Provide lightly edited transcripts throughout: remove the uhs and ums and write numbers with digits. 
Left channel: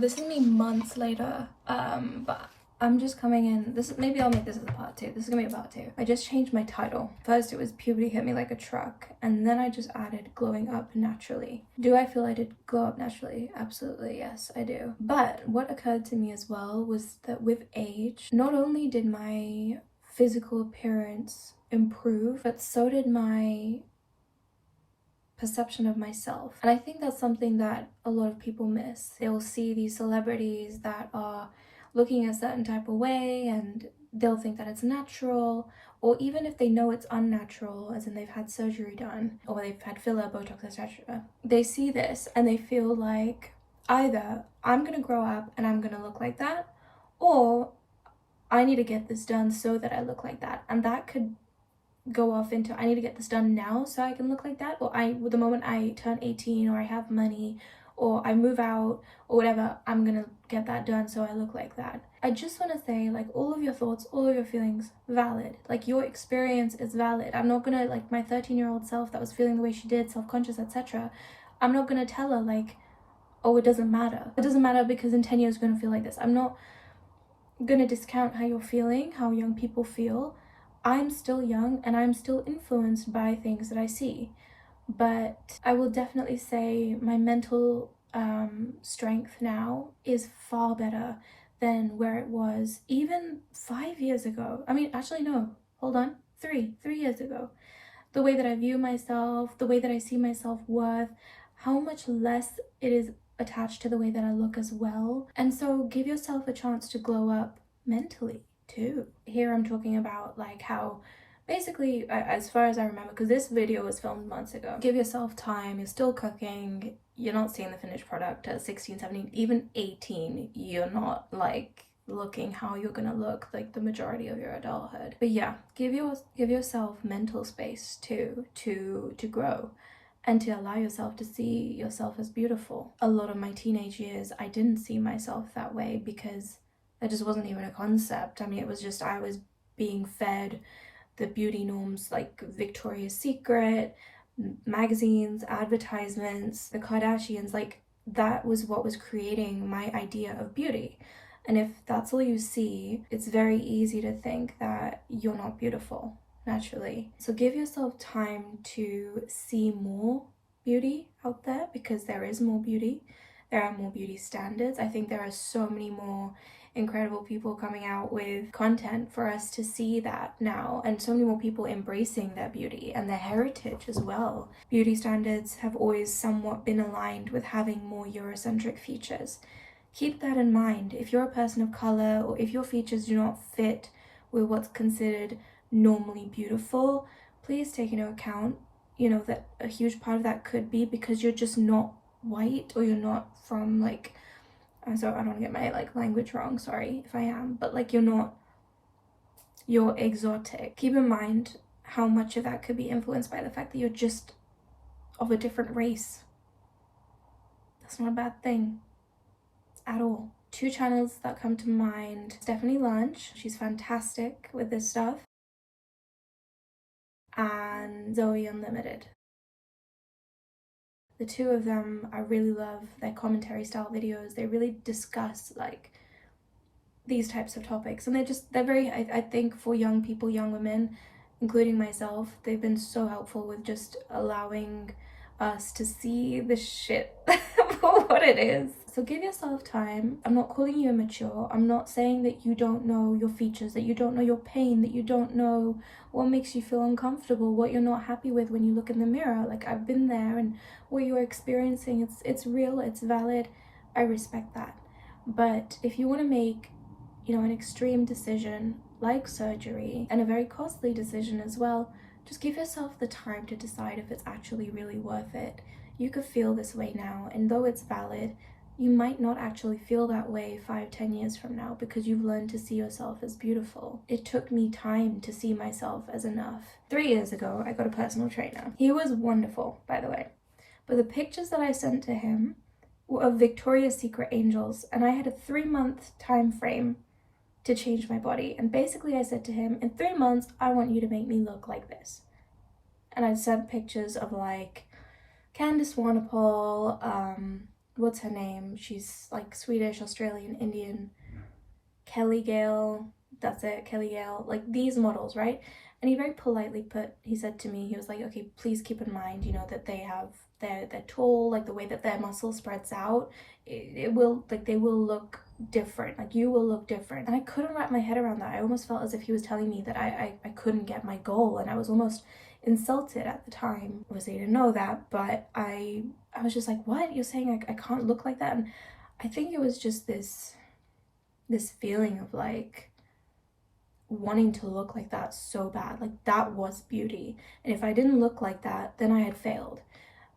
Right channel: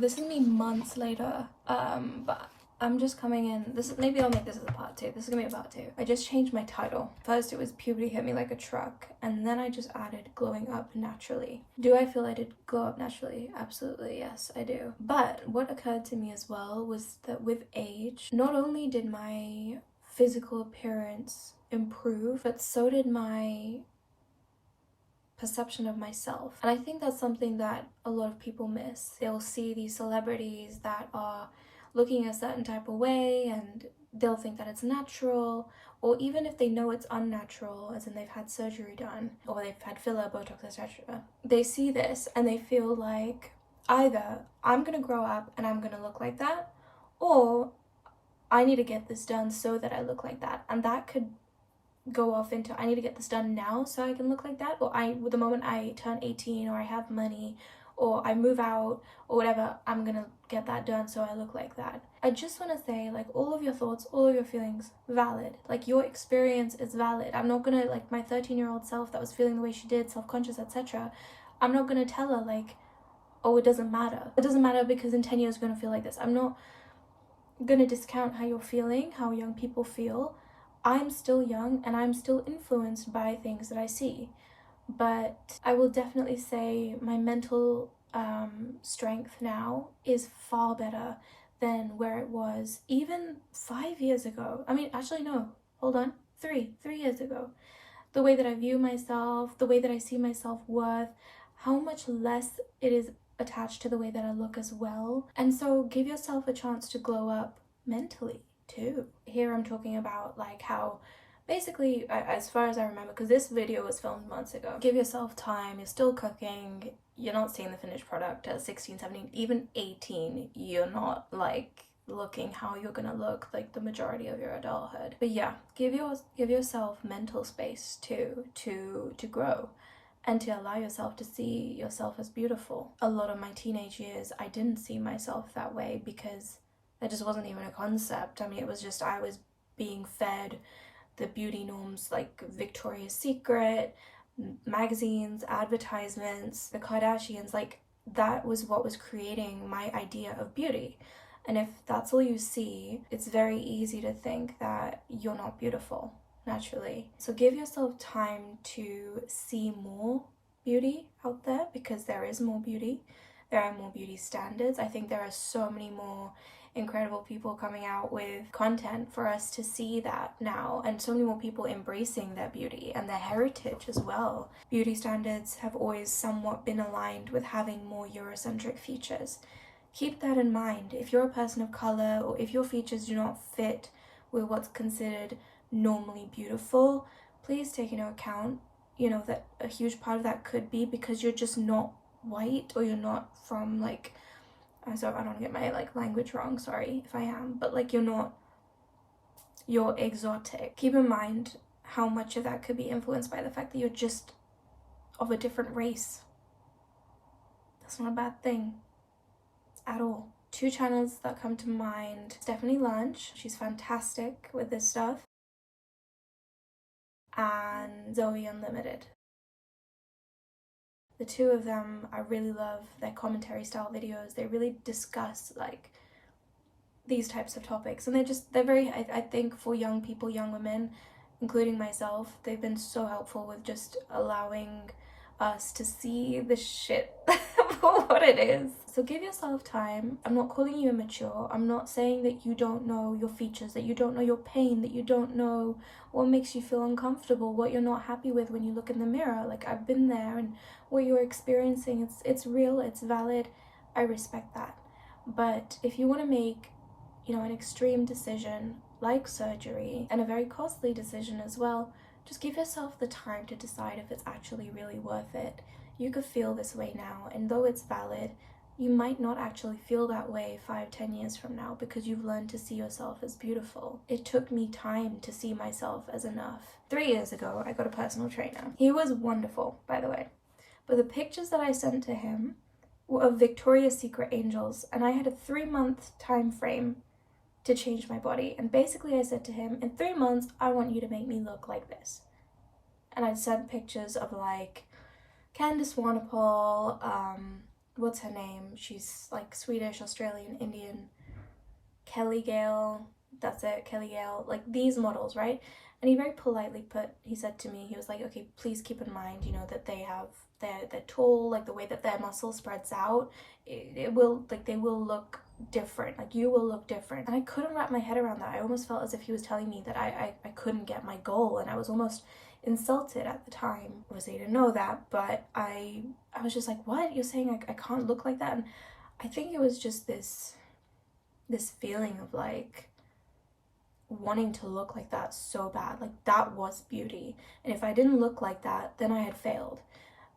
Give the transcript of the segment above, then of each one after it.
this is me months later, but I'm just coming in. Maybe I'll make this as a part 2. This is gonna be a part 2. I just changed my title. First it was puberty hit me like a truck, and then I just added glowing up naturally. Do I feel I did glow up naturally? Absolutely, yes, I do. But what occurred to me as well was that with age, not only did my physical appearance improve, but so did my perception of myself. And I think that's something that a lot of people miss. They'll see these celebrities that are looking a certain type of way and they'll think that it's natural, or even if they know it's unnatural, as in they've had surgery done or they've had filler, Botox, etc., they see this and they feel like either I'm gonna grow up and I'm gonna look like that, or I need to get this done so that I look like that. And that could go off into I need to get this done now so I can look like that, or the moment I turn 18 or I have money or I move out or whatever, I'm gonna get that done so I look like that. I just want to say, like, all of your thoughts, all of your feelings, valid. Like, your experience is valid. I'm not gonna, like, my 13-year-old self that was feeling the way she did, self-conscious, etc., I'm not gonna tell her, like, oh, it doesn't matter. It doesn't matter because in 10 years you're gonna feel like this. I'm not gonna discount how you're feeling, how young people feel. I'm still young and I'm still influenced by things that I see, but I will definitely say my mental strength now is far better than where it was even 5 years ago. I mean, actually no, hold on, 3 years ago. The way that I view myself, the way that I see my self-worth, how much less it is attached to the way that I look as well. And so give yourself a chance to glow up mentally too. Here I'm talking about like how basically, as far as I remember, because this video was filmed months ago, give yourself time. You're still cooking, you're not seeing the finished product at 16, 17, even 18. You're not like looking how you're gonna look like the majority of your adulthood. But yeah, give yourself mental space too to grow and to allow yourself to see yourself as beautiful. A lot of my teenage years I didn't see myself that way because that just wasn't even a concept. I mean, it was just I was being fed the beauty norms like Victoria's Secret, magazines, advertisements, the Kardashians. Like, that was what was creating my idea of beauty. And if that's all you see, it's very easy to think that you're not beautiful naturally. So give yourself time to see more beauty out there, because there is more beauty. There are more beauty standards. I think there are so many more incredible people coming out with content for us to see that now, and so many more people embracing their beauty and their heritage as well. Beauty standards have always somewhat been aligned with having more Eurocentric features. Keep that in mind. If you're a person of color, or if your features do not fit with what's considered normally beautiful, please take into account, you know, that a huge part of that could be because you're just not white, or you're not from like, so I don't want to get my like language wrong, sorry if I am, but like you're exotic. Keep in mind how much of that could be influenced by the fact that you're just of a different race. That's not a bad thing at all. 2 channels that come to mind: Stephanie Lunch, she's fantastic with this stuff, and Zoe Unlimited. The 2 of them, I really love their commentary style videos. They really discuss like these types of topics, and they're very, I think for young people, young women, including myself, they've been so helpful with just allowing us to see the shit for what it is. So give yourself time. I'm not calling you immature. I'm not saying that you don't know your features, that you don't know your pain, that you don't know what makes you feel uncomfortable, what you're not happy with when you look in the mirror. Like, I've been there, and what you're experiencing, it's real, it's valid. I respect that. But if you want to make, you know, an extreme decision like surgery, and a very costly decision as well, just give yourself the time to decide if it's actually really worth it. You could feel this way now, and though it's valid, you might not actually feel that way 5-10 years from now, because you've learned to see yourself as beautiful. It took me time to see myself as enough. 3 years ago, I got a personal trainer. He was wonderful, by the way. But the pictures that I sent to him were of Victoria's Secret angels, and I had a 3-month time frame to change my body. And basically I said to him, in 3 months, I want you to make me look like this. And I sent pictures of like Candice Wanapole, what's her name? She's like Swedish, Australian, Indian. Kelly Gale, that's it, Kelly Gale, like these models, right? And he very politely he said to me, he was like, okay, please keep in mind, you know, that they're tall, like the way that their muscle spreads out, it will, like they will look different, like you will look different. And I couldn't wrap my head around that. I almost felt as if he was telling me that I couldn't get my goal, and I was almost insulted at the time. Obviously I didn't know that, but I was just like, what? You're saying I can't look like that? And I think it was just this feeling of like wanting to look like that so bad. Like that was beauty, and if I didn't look like that, then I had failed.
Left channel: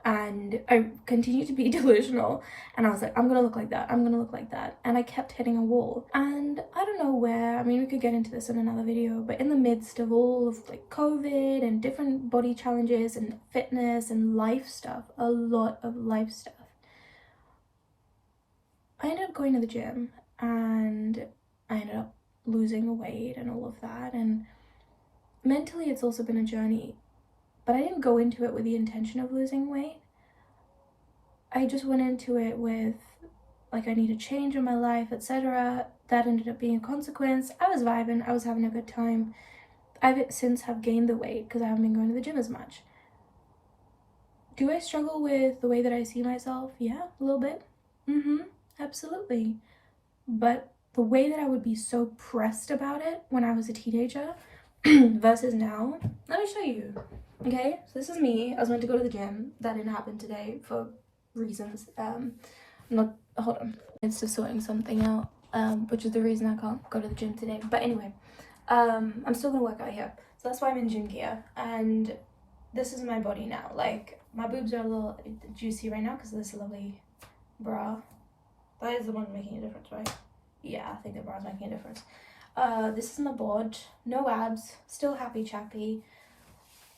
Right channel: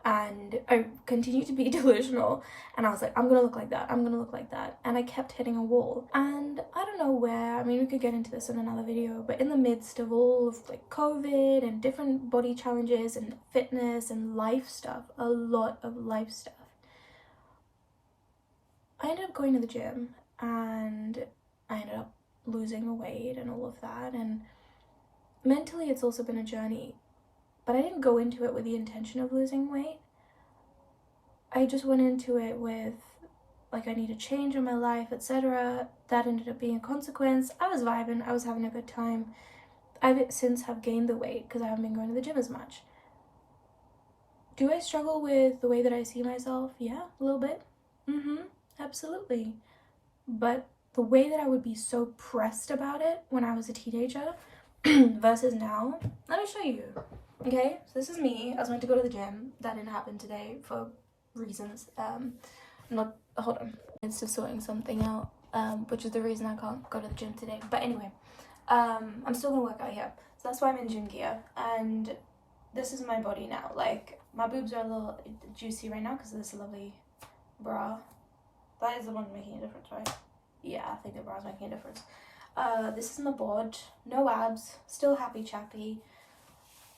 And I continued to be delusional, and I was like, I'm gonna look like that, I'm gonna look like that, and I kept hitting a wall. And I don't know where, I mean, we could get into this in another video, but in the midst of all of like COVID and different body challenges and fitness and life stuff, a lot of life stuff, I ended up going to the gym, and I ended up losing the weight and all of that. And mentally it's also been a journey, but I didn't go into it with the intention of losing weight. I just went into it with like I need a change in my life, etc. That ended up being a consequence. I was vibing, I was having a good time. I've since have gained the weight because I haven't been going to the gym as much. Do I struggle with the way that I see myself? Yeah, a little bit. Absolutely. But the way that I would be so pressed about it when I was a teenager versus now, let me show you. Okay, so this is me. I was meant to go to the gym. That didn't happen today for reasons. I'm not, hold on. It's just sorting something out, which is the reason I can't go to the gym today. But anyway, I'm still gonna work out here. So that's why I'm in gym gear. And this is my body now. Like, my boobs are a little juicy right now because of this lovely bra. That is the one making a difference, right? Yeah, I think the bra's making a difference. This is my bod. No abs. Still happy chappy.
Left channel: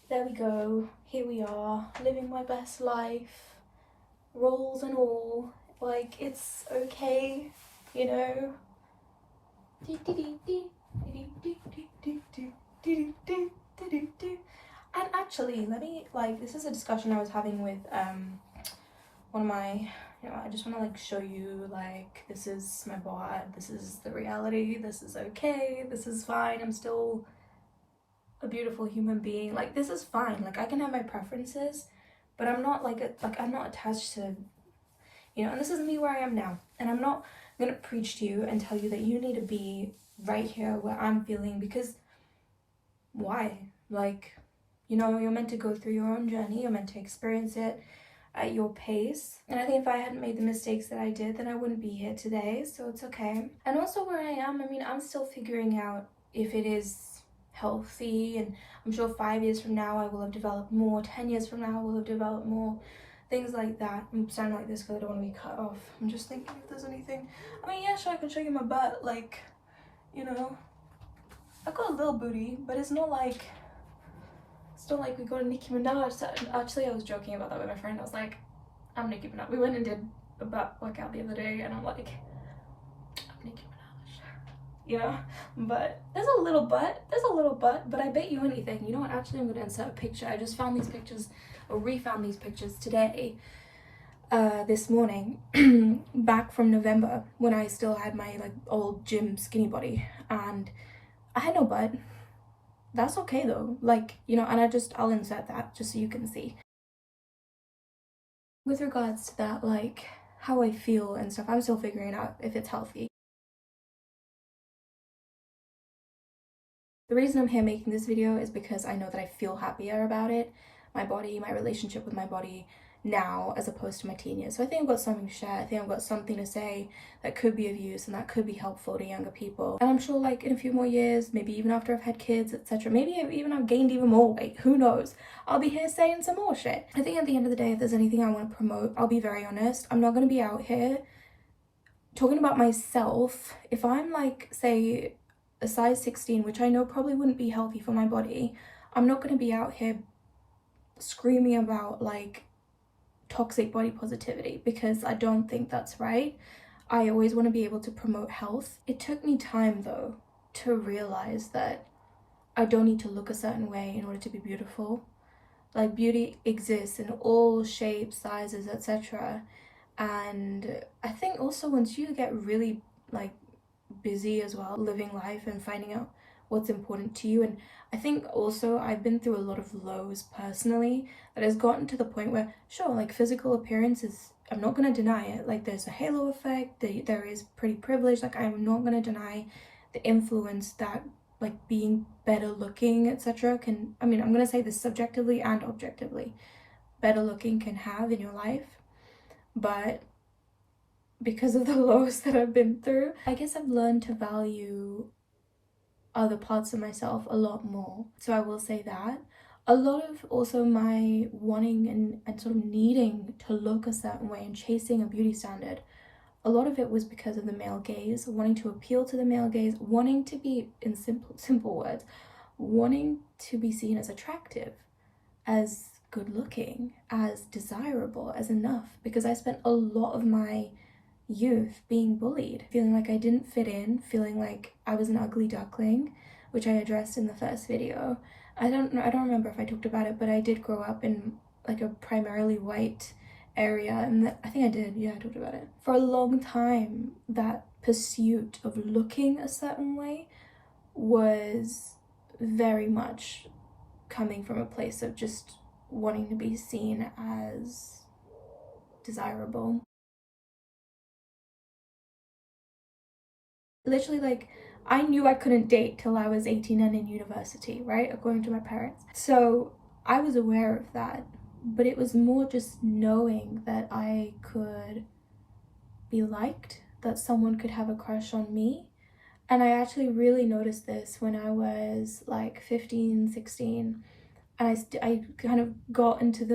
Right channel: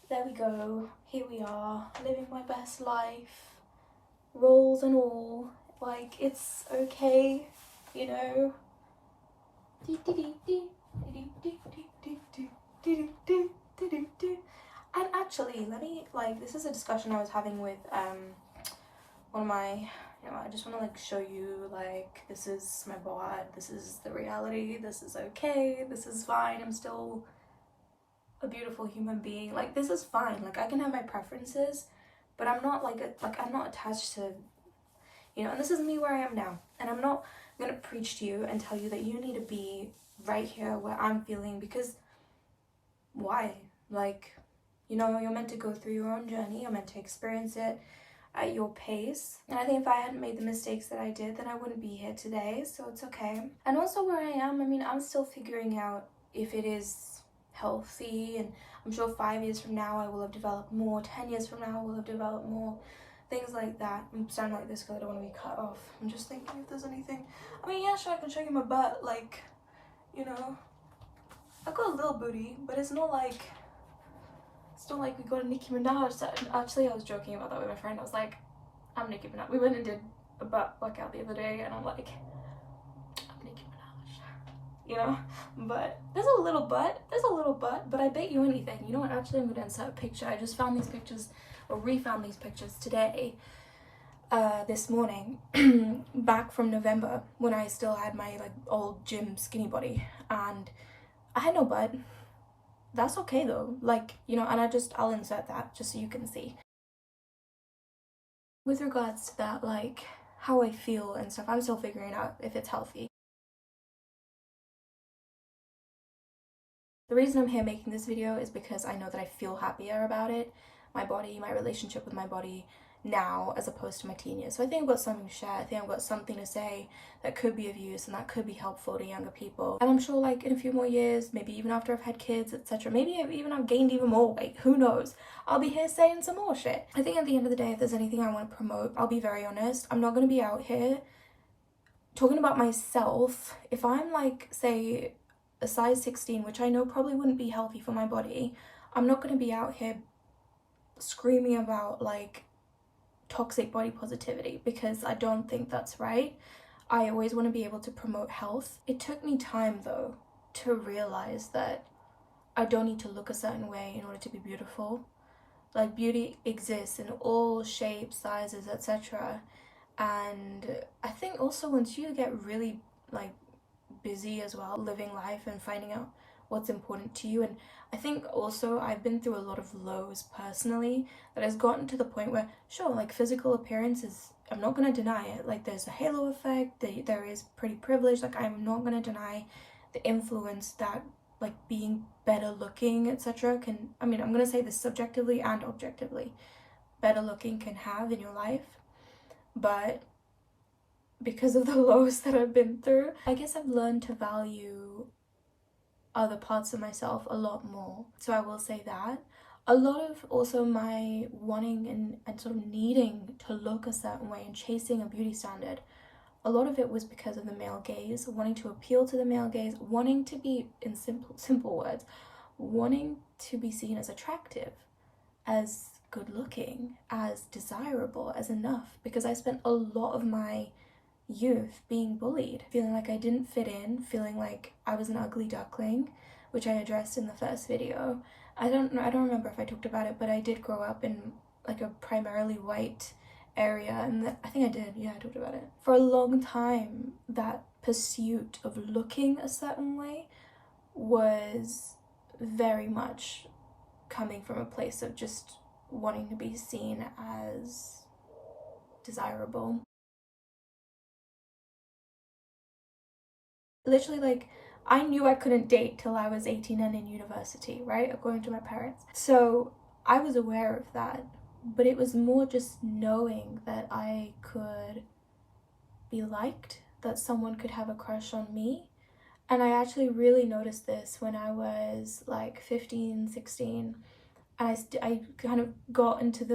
There we go. Here we are. Living my best life. Rolls and all. Like, it's okay, you know? And actually, let me, like, this is a discussion I was having with, one of my, you know, I just want to like show you, like, this is my bod, this is the reality, this is okay, this is fine, I'm still a beautiful human being, like, this is fine, like, I can have my preferences, but I'm not like I'm not attached to, you know, and this is me where I am now, and I'm not gonna preach to you and tell you that you need to be right here where I'm feeling, because why? Like, you know, you're meant to go through your own journey, you're meant to experience it at your pace. And I think if I hadn't made the mistakes that I did, then I wouldn't be here today, so it's okay. And also where I am, I mean, I'm still figuring out if it is healthy, and I'm sure 5 years from now I will have developed more, 10 years from now I will have developed more, things like that. I'm standing like this because I don't want to be cut off. I'm just thinking if there's anything. I mean, yeah, sure, I can show you my butt, like, you know, I've got a little booty, but it's not like we got a Nicki Minaj. So actually, I was joking about that with my friend. I was like, I'm Nicki Minaj. We went and did a butt workout the other day, and I'm like, I'm Nicki Minaj, you know? But there's a little butt, but I bet you anything. You know what? Actually, I'm gonna insert a picture. I just found these pictures, or refound these pictures today, this morning, back from November, when I still had my like old gym skinny body, and I had no butt. That's okay though, like, you know, and I'll insert that just so you can see. With regards to that, like, how I feel and stuff, I'm still figuring out if it's healthy. The reason I'm here making this video is because I know that I feel happier about it, my body, my relationship with my body now as opposed to my teen years. So I think I've got something to share. I think I've got something to say that could be of use and that could be helpful to younger people. And I'm sure like in a few more years, maybe even after I've had kids, etc., maybe even I've gained even more weight, who knows, I'll be here saying some more shit. I think at the end of the day, if there's anything I want to promote, I'll be very honest. I'm not going to be out here talking about myself. If I'm like, say, a size 16, which I know probably wouldn't be healthy for my body, I'm not going to be out here screaming about like toxic body positivity, because I don't think that's right. I always want to be able to promote health. It took me time though to realize that I don't need to look a certain way in order to be beautiful. Like, beauty exists in all shapes, sizes, etc. And I think also once you get really like busy as well, living life and finding out what's important to you. And I think also I've been through a lot of lows personally that has gotten to the point where, sure, like physical appearance is, I'm not going to deny it. Like there's a halo effect, there is pretty privilege. Like I'm not going to deny the influence that like being better looking, etc. can, I mean, I'm going to say this subjectively and objectively, better looking can have in your life. But because of the lows that I've been through, I guess I've learned to value other parts of myself a lot more. So I will say that. A lot of also my wanting and sort of needing to look a certain way and chasing a beauty standard, a lot of it was because of the male gaze, wanting to appeal to the male gaze, wanting to be, in simple words, wanting to be seen as attractive, as good looking, as desirable, as enough. Because I spent a lot of my youth being bullied, feeling like I didn't fit in, feeling like I was an ugly duckling, which I addressed in the first video. I don't remember if I talked about it, but I did grow up in like a primarily white area, and I think I did, yeah, I talked about it. For a long time, that pursuit of looking a certain way was very much coming from a place of just wanting to be seen as desirable. Literally, like, I knew I couldn't date till I was 18 and in university, right? According to my parents. So I was aware of that, but it was more just knowing that I could be liked, that someone could have a crush on me. And I actually really noticed this when I was like 15, 16. And I kind of got into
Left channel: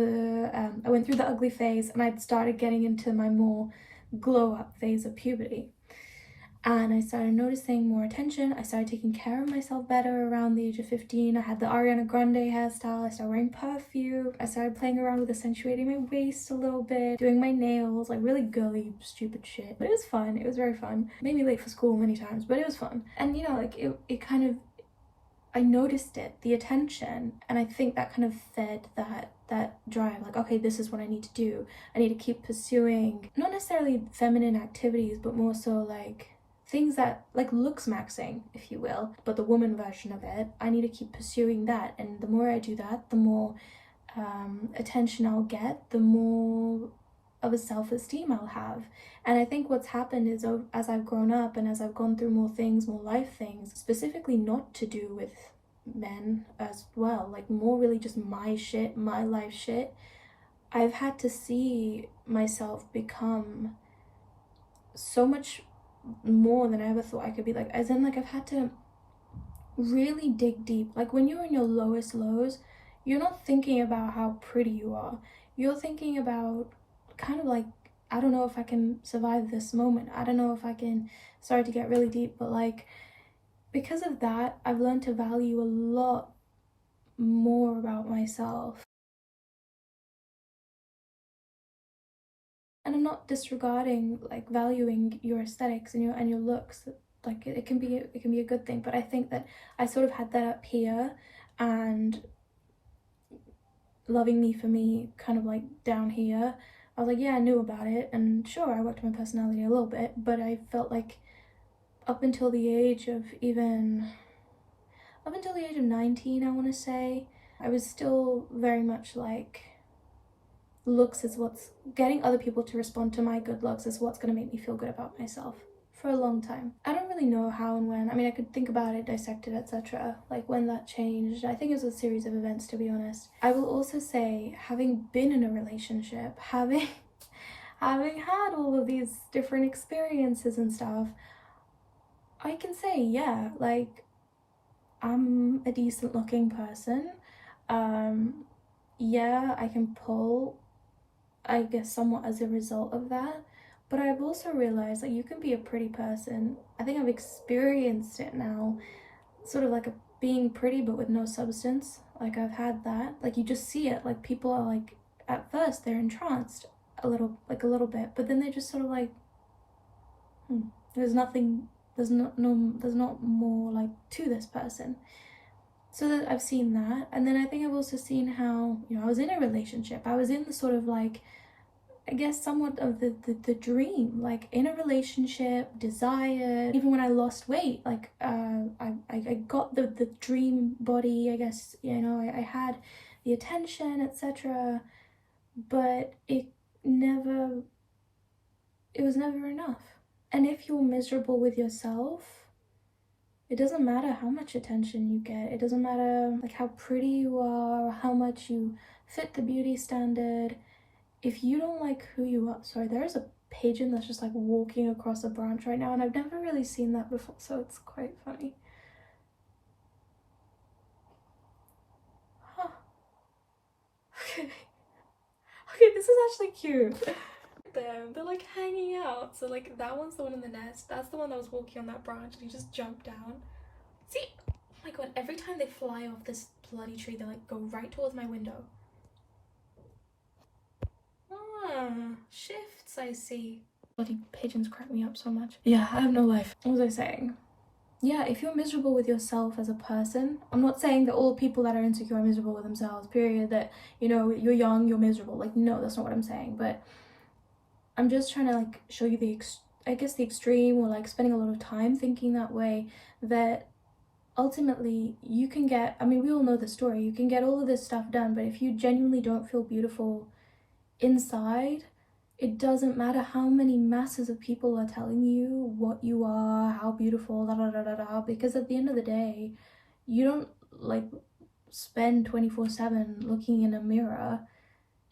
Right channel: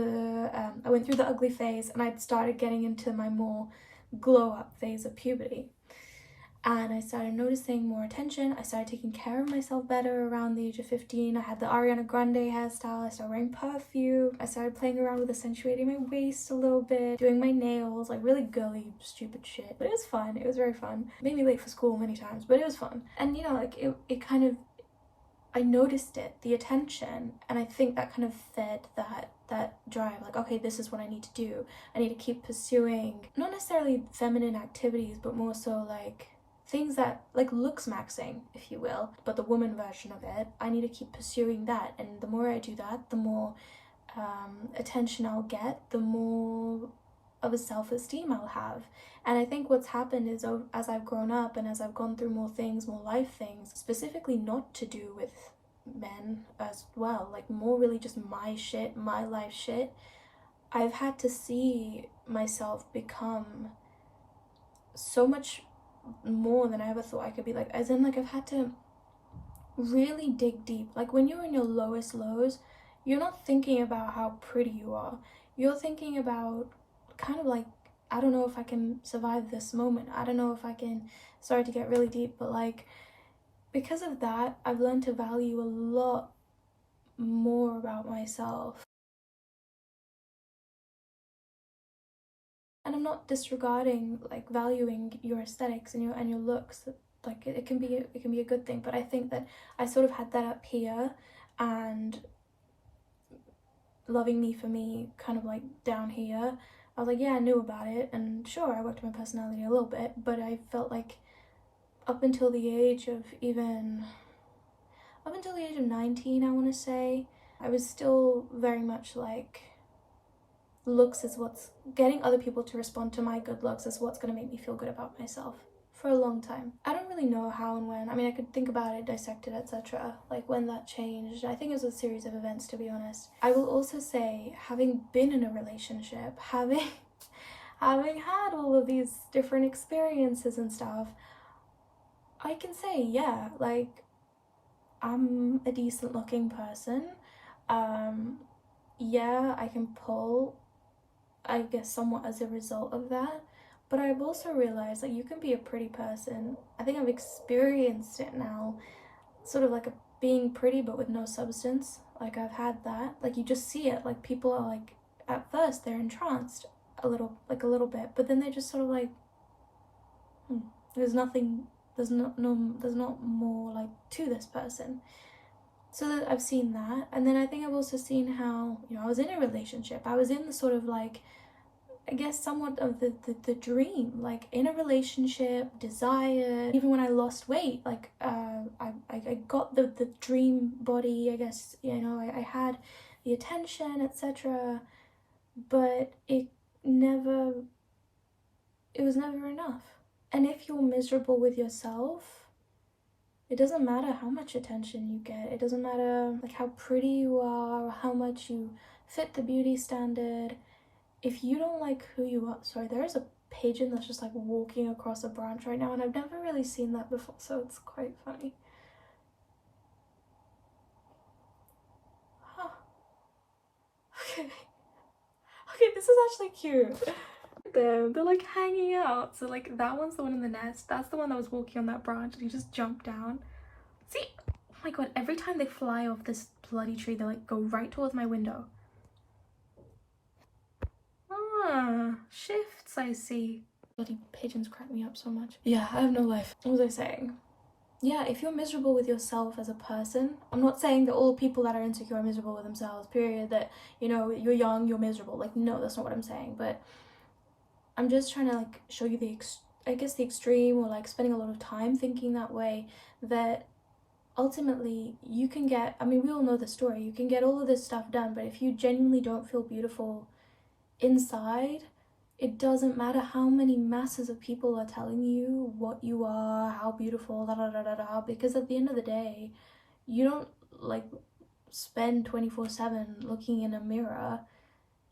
I went through the ugly phase and I'd started getting into my more glow up phase of puberty. And I started noticing more attention. I started taking care of myself better around the age of 15. I had the Ariana Grande hairstyle. I started wearing perfume. I started playing around with accentuating my waist a little bit, doing my nails, like really girly, stupid shit. But it was fun. It was very fun. It made me late for school many times, but it was fun. And you know, like it kind of, I noticed it, the attention, and I think that kind of fed that drive. Like, okay, this is what I need to do. I need to keep pursuing, not necessarily feminine activities, but more so like things that, like looks maxing, if you will, but the woman version of it. I need to keep pursuing that, and the more I do that, the more attention I'll get, the more of a self-esteem I'll have. And I think what's happened is, as I've grown up and as I've gone through more things, more life things, specifically not to do with men as well, like more really just my shit, my life shit, I've had to see myself become so much more than I ever thought I could be. Like, as in, like, I've had to really dig deep. Like, when you're in your lowest lows, you're not thinking about how pretty you are. You're thinking about kind of like, I don't know if I can survive this moment. I don't know if I can, sorry to get really deep, but like, because of that, I've learned to value a lot more about myself. And I'm not disregarding like valuing your aesthetics and your looks. Like it can be a good thing, but I think that I sort of had that up here, and loving me for me kind of like down here. I was like, yeah, I knew about it, and sure, I worked on my personality a little bit, but I felt like up until the age of 19, I want to say, I was still very much like, looks is what's getting other people to respond to my good looks is what's going to make me feel good about myself for a long time. I don't really know how and when. I mean, I could think about it, dissect it, etc. Like when that changed. I think it was a series of events, to be honest. I will also say, having been in a relationship, having had all of these different experiences and stuff, I can say, yeah, like I'm a decent looking person. Yeah, I can pull, I guess, somewhat as a result of that. But I've also realized that you can be a pretty person. I think I've experienced it now, sort of like being pretty but with no substance. Like I've had that. Like you just see it. Like people are like, at first they're entranced a little bit, but then they just sort of like, there's nothing. There's not more like to this person. So I've seen that, and then I think I've also seen how, you know, I was in a relationship. I was in the sort of like I guess somewhat of the dream, like in a relationship, desire. Even when I lost weight, like I got the dream body, I guess, you know, I had the attention, etc. But never, it was never enough. And if you're miserable with yourself, it doesn't matter how much attention you get. It doesn't matter like how pretty you are or how much you fit the beauty standard. If you don't like who you are, sorry, there is a pigeon that's just like walking across a branch right now, and I've never really seen that before, so it's quite funny. Huh. Okay. Okay, this is actually cute. They're like hanging out. So like that one's the one in the nest. That's the one that was walking on that branch and he just jumped down. See? Oh my god, every time they fly off this bloody tree, they like go right towards my window. Ah, shifts, I see. Bloody pigeons crack me up so much. Yeah, I have no life. What was I saying? Yeah, if you're miserable with yourself as a person, I'm not saying that all people that are insecure are miserable with themselves, period, that, you know, you're young, you're miserable. Like, no, that's not what I'm saying. But I'm just trying to, like, show you the extreme, or, like, spending a lot of time thinking that way, that ultimately you can get, I mean, we all know the story, you can get all of this stuff done, but if you genuinely don't feel beautiful inside, it doesn't matter how many masses of people are telling you what you are, how beautiful, da da da da da, because at the end of the day, you don't like spend 24/7 looking in a mirror.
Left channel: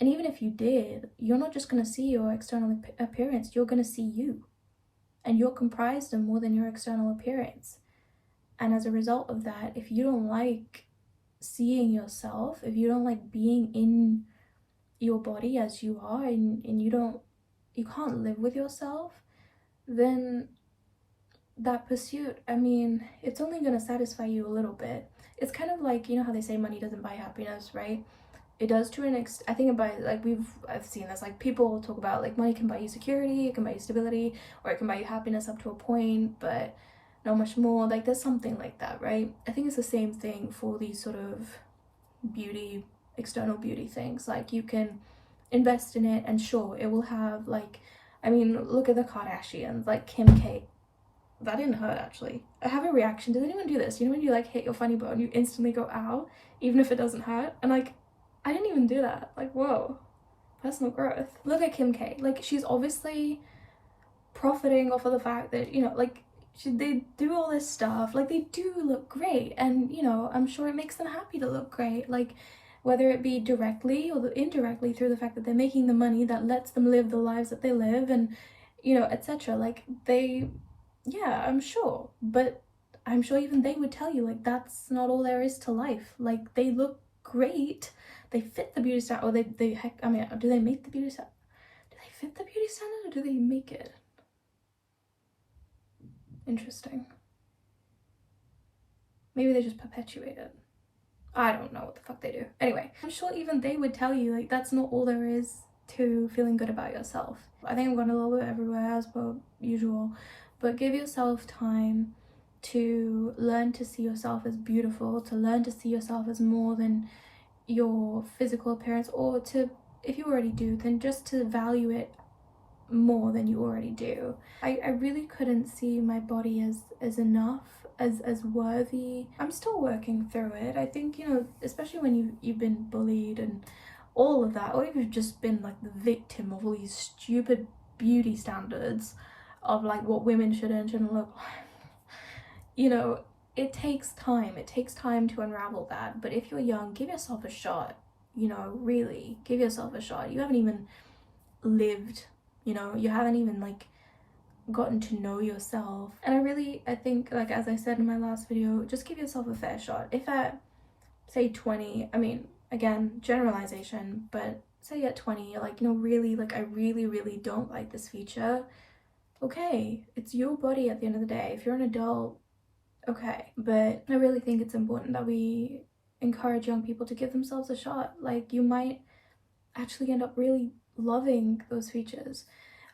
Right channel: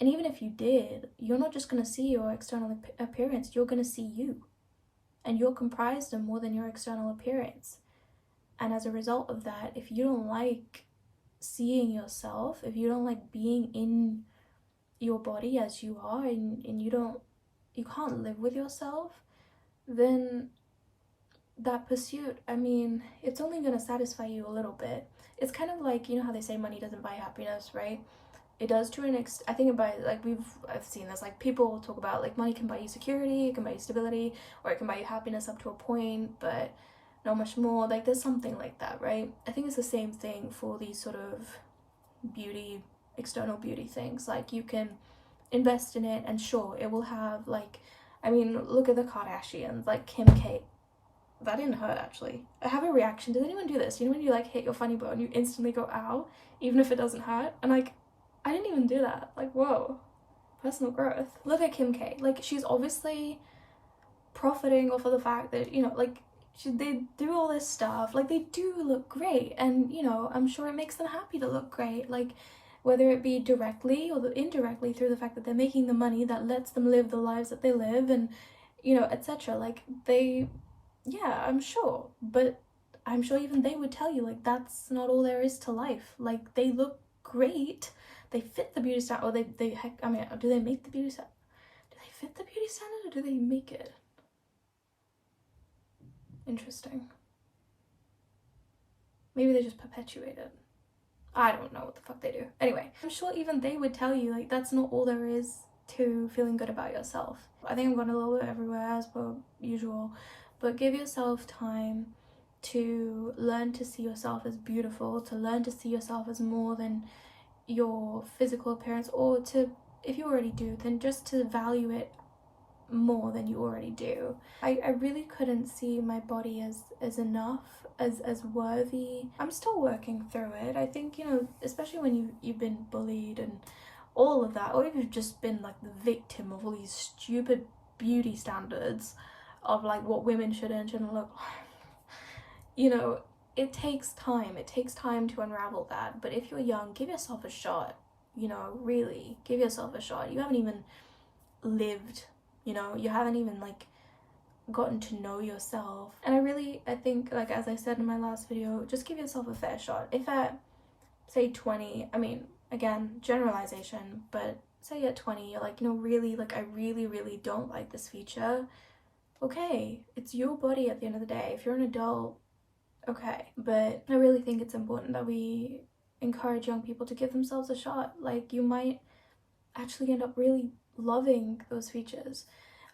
And even if you did, you're not just going to see your external appearance, you're going to see you. And you're comprised of more than your external appearance. And as a result of that, if you don't like seeing yourself, if you don't like being in your body as you are, and you can't live with yourself, then that pursuit, I mean, it's only going to satisfy you a little bit. It's kind of like, you know how they say money doesn't buy happiness, right? It does to an I think about, like, I've seen this, like, people talk about, like, money can buy you security, it can buy you stability, or it can buy you happiness up to a point, but not much more. Like, there's something like that, right? I think it's the same thing for these sort of beauty, external beauty things. Like, you can invest in it, and sure, it will have, like, I mean, look at the Kardashians, like Kim K. That didn't hurt, actually. I have a reaction. Does anyone do this? You know when you, like, hit your funny bone, you instantly go, ow, even if it doesn't hurt? And, like, I didn't even do that. Like, whoa. Personal growth. Look at Kim K. Like, she's obviously profiting off of the fact that, you know, like, they do all this stuff. Like, they do look great. And, you know, I'm sure it makes them happy to look great. Like, whether it be directly or indirectly through the fact that they're making the money that lets them live the lives that they live, and, you know, etc. Like, they, yeah, I'm sure. But I'm sure even they would tell you, like, that's not all there is to life. Like, they look great. They fit the beauty standard, or they heck, I mean, do they make the beauty standard? Do they fit the beauty standard, or do they make it? Interesting. Maybe they just perpetuate it. I don't know what the fuck they do. Anyway, I'm sure even they would tell you, like, that's not all there is to feeling good about yourself. I think I'm going a little bit everywhere as per usual, but give yourself time to learn to see yourself as beautiful, to learn to see yourself as more than your physical appearance, or to, if you already do, then just to value it more than you already do. I really couldn't see my body as enough, as worthy. I'm still working through it. I think, you know, especially when you've been bullied and all of that, or you've just been like the victim of all these stupid beauty standards of like what women should and shouldn't look like. You know, it takes time. It takes time to unravel that. But if you're young, give yourself a shot. You know, really, give yourself a shot. You haven't even lived, you know, you haven't even like gotten to know yourself. And I think, like, as I said in my last video, just give yourself a fair shot. If at, say, 20, I mean, again, generalization, but say at 20, you're like, you know, really, like, I really, really don't like this feature. Okay, it's your body at the end of the day. If you're an adult, okay. But I really think it's important that we encourage young people to give themselves a shot. Like, you might actually end up really loving those features.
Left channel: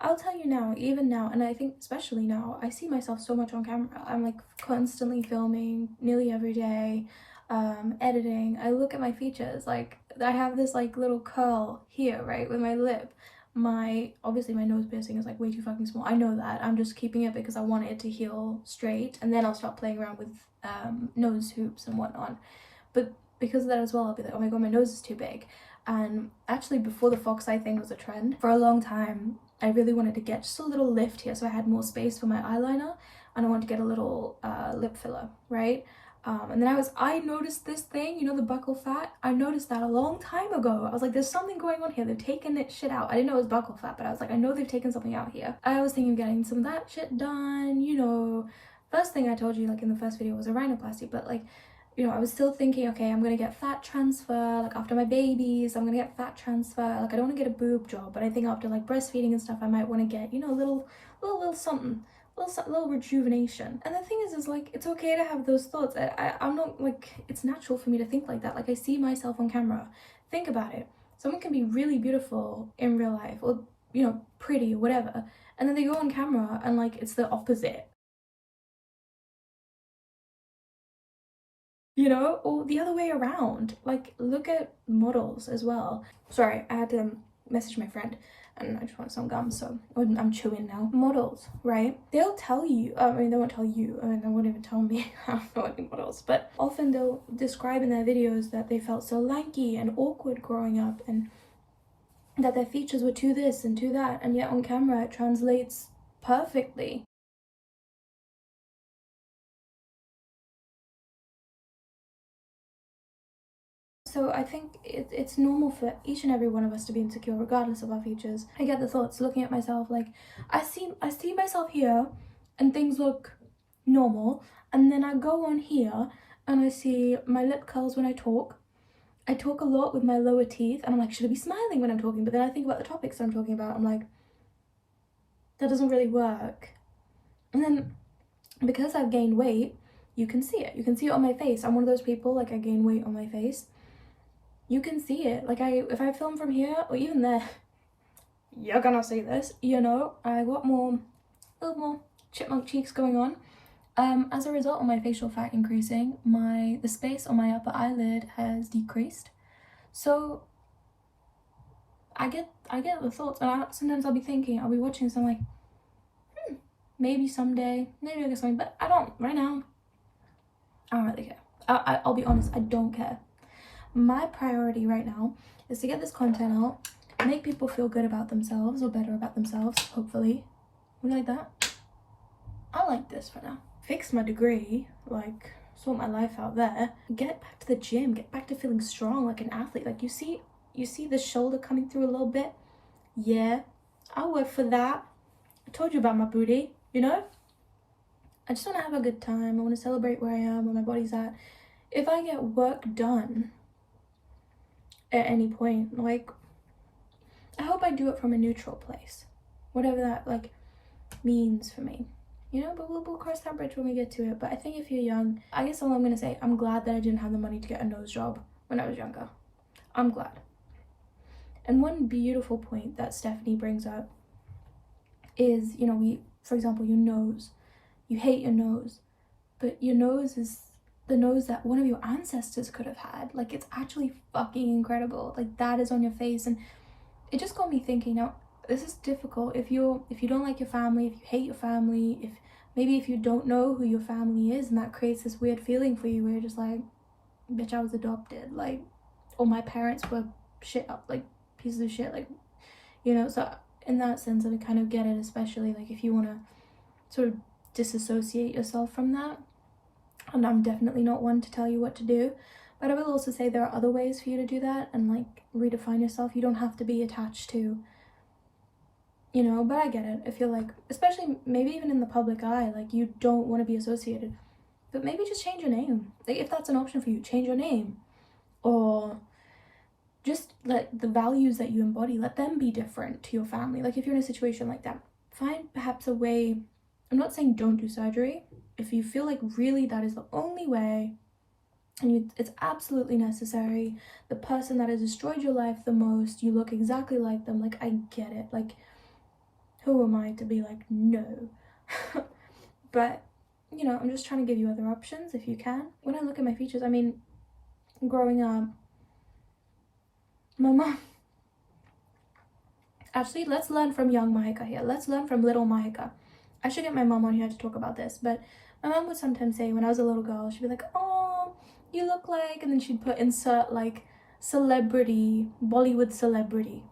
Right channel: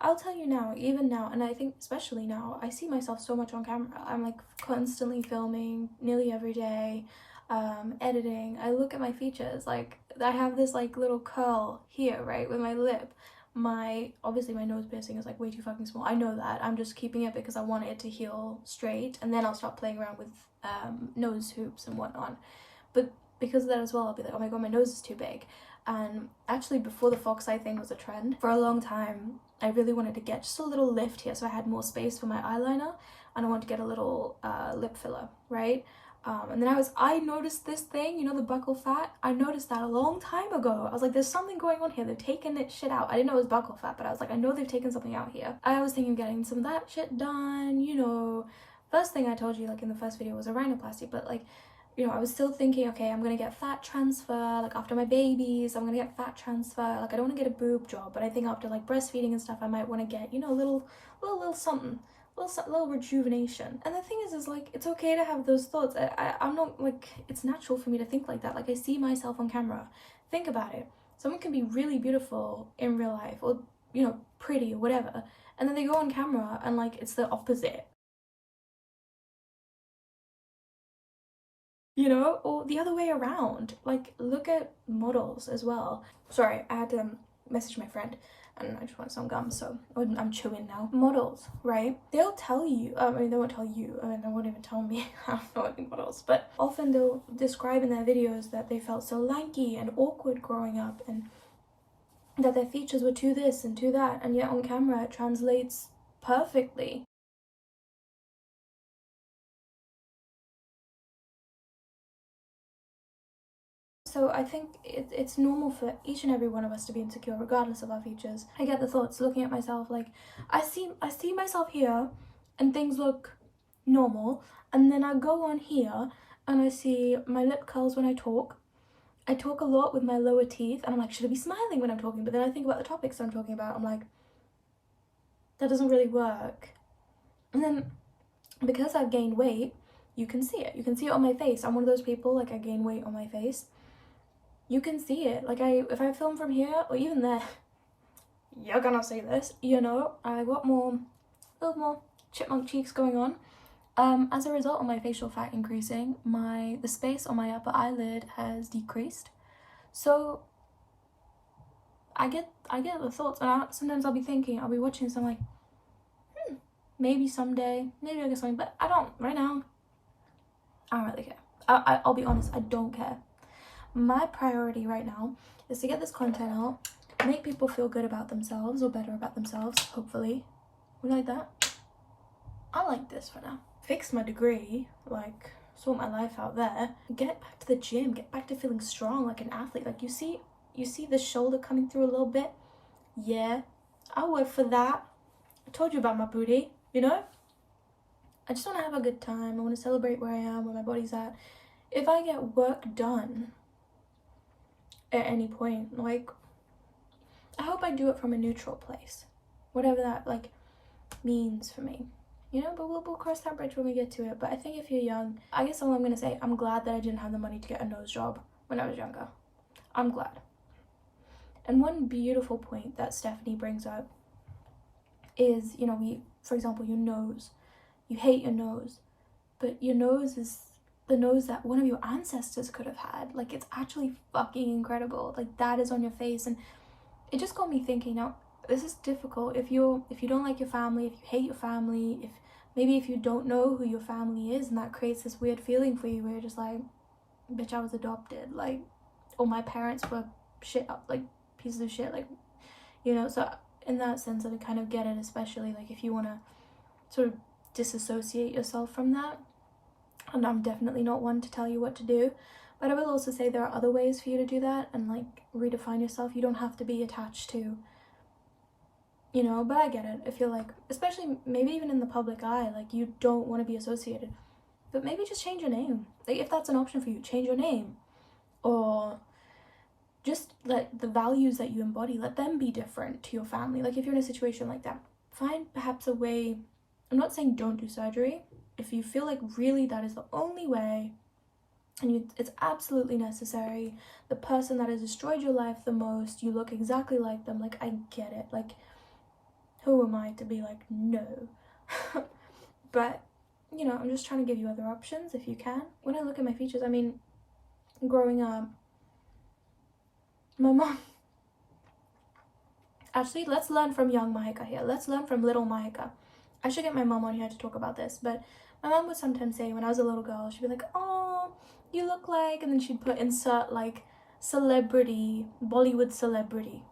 I'll tell you now, even now, and I think especially now, I see myself so much on camera. I'm like constantly filming nearly every day, editing. I look at my features, like I have this like little curl here, right, with my lip. obviously my nose piercing is like way too fucking small. I know that. I'm just keeping it because I want it to heal straight, and then I'll start playing around with nose hoops and whatnot. But because of that as well, I'll be like, oh my god, my nose is too big. And actually, before the fox eye thing was a trend, for a long time I really wanted to get just a little lift here so I had more space for my eyeliner, and I wanted to get a little lip filler, right? And then I noticed this thing, you know, the buccal fat. I noticed that a long time ago. I was like, there's something going on here. They've taken that shit out. I didn't know it was buccal fat, but I was like, I know they've taken something out here. I was thinking of getting some of that shit done, you know. First thing I told you, like in the first video, was a rhinoplasty, but like, you know, I was still thinking, okay, I'm gonna get fat transfer, like after my babies, I'm gonna get fat transfer. Like I don't want to get a boob job, but I think after like breastfeeding and stuff, I might want to get, you know, a little something. Little rejuvenation. And the thing is like, it's okay to have those thoughts. I'm not like, it's natural for me to think like that. Like I see myself on camera. Think about it. Someone can be really beautiful in real life, or, you know, pretty or whatever, and then they go on camera and like it's the opposite, you know, or the other way around. Like look at models as well. Sorry, I had to message my friend and I just want some gum, so I'm chewing now. Models, right? They'll tell you, I mean, they won't tell you, I mean, they won't even tell me. I don't know any models, but often they'll describe in their videos that they felt so lanky and awkward growing up, and that their features were too this and too that, and yet on camera it translates perfectly. So I think it's normal for each and every one of us to be insecure regardless of our features. I get the thoughts looking at myself, like I see myself here and things look normal, and then I go on here and I see my lip curls when I talk. I talk a lot with my lower teeth and I'm like, should I be smiling when I'm talking? But then I think about the topics I'm talking about, I'm like, that doesn't really work. And then because I've gained weight, you can see it. You can see it on my face. I'm one of those people, like I gain weight on my face. You can see it. Like if I film from here or even there, you're gonna see this, you know. I got a little more chipmunk cheeks going on. As a result of my facial fat increasing, the space on my upper eyelid has decreased. So I get the thoughts, and sometimes I'll be thinking, I'll be watching something like, maybe someday, maybe I'll get something, but I don't right now. I don't really care. I'll be honest, I don't care. My priority right now is to get this content out, make people feel good about themselves or better about themselves, hopefully. We like that. I like this for now. Fix my degree, like sort my life out there. Get back to the gym, get back to feeling strong like an athlete. Like you see the shoulder coming through a little bit? Yeah, I'll work for that. I told you about my booty, you know? I just want to have a good time. I want to celebrate where I am, where my body's at. If I get work done at any point, like, I hope I do it from a neutral place, whatever that like means for me, you know. But we'll cross that bridge when we get to it. But I think if you're young, I guess all I'm gonna say, I'm glad that I didn't have the money to get a nose job when I was younger. I'm glad. And one beautiful point that Stephanie brings up is, you know, for example, your nose, you hate your nose, but your nose is the nose that one of your ancestors could have had. Like, it's actually fucking incredible. Like, that is on your face. And it just got me thinking, now this is difficult if you don't like your family, if you hate your family, if you don't know who your family is, and that creates this weird feeling for you where you're just like, bitch, I was adopted, like, or my parents were shit up, like pieces of shit, like, you know. So in that sense, I kind of get it, especially like if you want to sort of disassociate yourself from that. And I'm definitely not one to tell you what to do, but I will also say there are other ways for you to do that and like redefine yourself. You don't have to be attached to, you know. But I get it. I feel like, especially maybe even in the public eye, like you don't want to be associated, but maybe just change your name. Like if that's an option for you, change your name, or just let the values that you embody, let them be different to your family. Like if you're in a situation like that, find perhaps a way. I'm not saying don't do surgery. If you feel like really that is the only way and it's absolutely necessary, the person that has destroyed your life the most, you look exactly like them, like I get it. Like who am I to be like no? But you know, I'm just trying to give you other options if you can. When I look at my features, I mean, growing up, my mom, Actually, let's learn from young Mahika here. Let's learn from little Mahika. I should get my mom on here to talk about this, but my mom would sometimes say when I was a little girl, she'd be like, oh, you look like, and then she'd put insert like celebrity, Bollywood celebrity.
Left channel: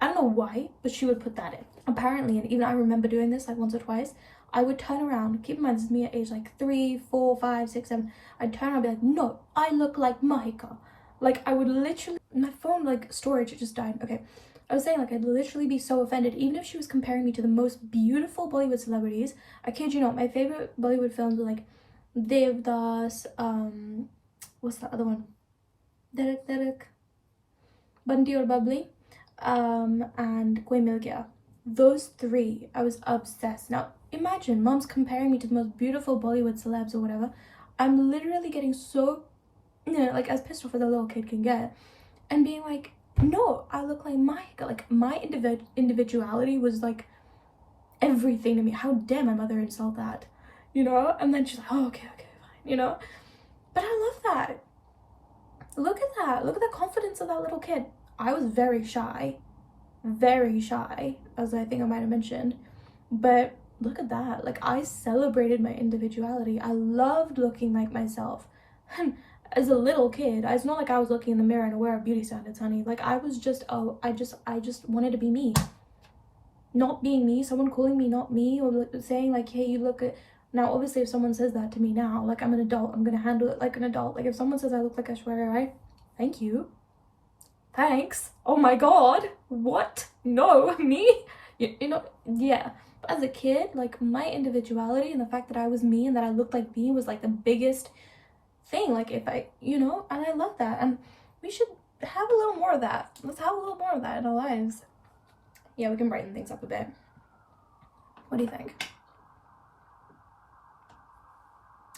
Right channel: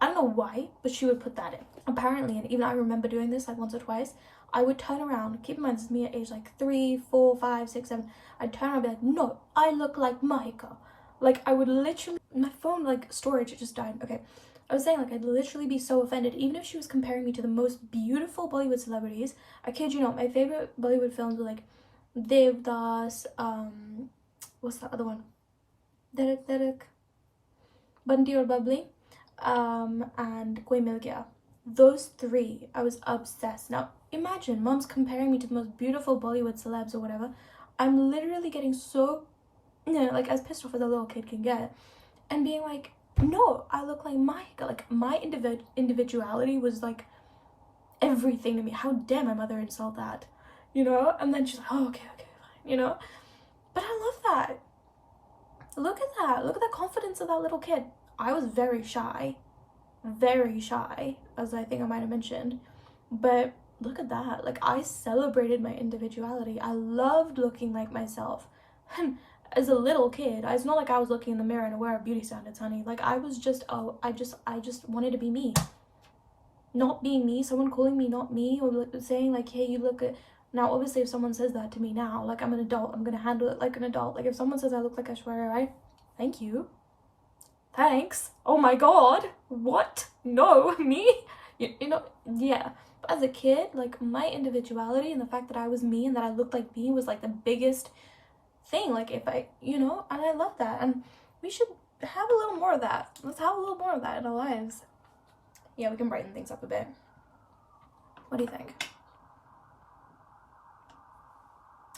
I don't know why, but she would put that in. Apparently, and even I remember doing this like once or twice, I would turn around, keep in mind this is me at age like 3, 4, 5, 6, 7. I'd turn around and be like, no, I look like Mahika. Like I would literally, my phone like storage, it just died. Okay. I was saying like I'd literally be so offended even if she was comparing me to the most beautiful Bollywood celebrities. I kid you not, my favorite Bollywood films were like Devdas, what's the other one? Derek, Bunty or Bubbly, and Koi Mil Gaya. Those three, I was obsessed. Now imagine mom's comparing me to the most beautiful Bollywood celebs or whatever. I'm literally getting so, like as pissed off as a little kid can get, and being like, no, I look like Mahika. Like my individuality was like everything to me. How dare my mother insult that, And then she's like, oh, okay, fine, But I love that. Look at that. Look at the confidence of that little kid. I was very shy, as I think I might have mentioned. But look at that. Like I celebrated my individuality. I loved looking like myself. As a little kid, it's not like I was looking in the mirror and aware of beauty standards, honey. Like I was just, I just wanted to be me. Not being me, someone calling me not me, or like saying like, hey, you look at, now obviously if someone says that to me now, like I'm an adult, I'm gonna handle it like an adult. Like if someone says I look like Aishwarya Rai, thank you. Thanks. Oh my god. What? No, me? Yeah. But as a kid, like my individuality and the fact that I was me and that I looked like me was like the biggest thing. Like if I, and I love that. And we should have a little more of that. Let's have a little more of that in our lives. Yeah, we can brighten things up a bit. What do you think?